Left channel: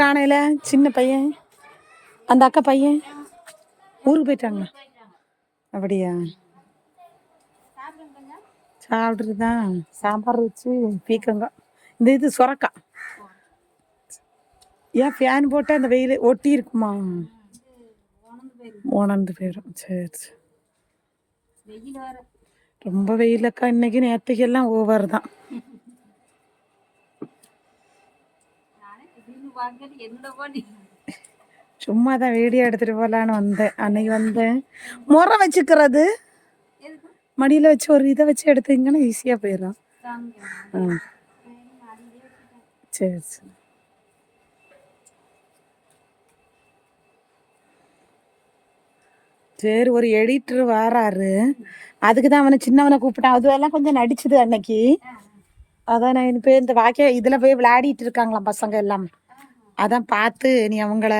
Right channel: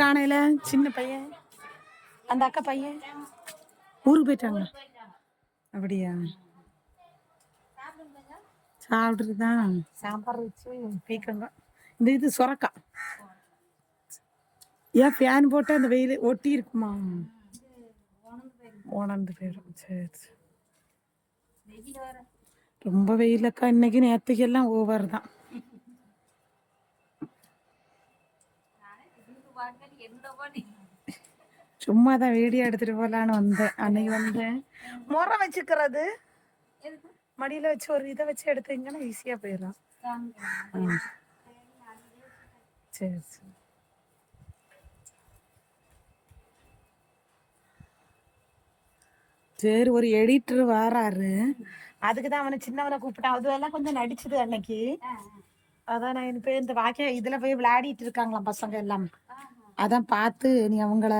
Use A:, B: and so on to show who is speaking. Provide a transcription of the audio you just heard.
A: காணையில்? சின்ன பையன். அந்த அக்கா பையன். ஊருக்கு போயிட்டாங்க. அப்படியா? சாப்பிட்டுட்டு தான் சாம்பார் வச்சு பீக்கங்க. இந்த இது சுரக்கா. ஏன் ஃபேன் போட்டால் அந்த வெயில் ஒட்டி இருக்குமா? உணர்ந்து போயிடும் சரி சரி. ரொம்ப வெயிலக்கா. இன்னைக்கு நேற்றுக்கெல்லாம் ஓவர் தான் சும்மா தான் வீடியோ எடுத்துட்டு போகலான்னு வந்தேன். அன்னைக்கு வந்தேன் முறை வச்சுக்கிறது. மடியில் வச்சு ஒரு இதை வச்சு எடுத்தீங்கன்னா ஈஸியாக போயிடும். சரி சரி. சரி ஒரு எடிட்டர் வாராரு. அதுக்கு தான் அவனை சின்னவனை கூப்பிட்டான். அதுவெல்லாம் கொஞ்சம் நடிச்சுது அன்னைக்கு. அதான் நான் இப்போ இந்த வாக்கிய இதில் போய் விளையாடிட்டு இருக்காங்களாம் பசங்க எல்லாம். அதான் பார்த்து நீ அவங்கள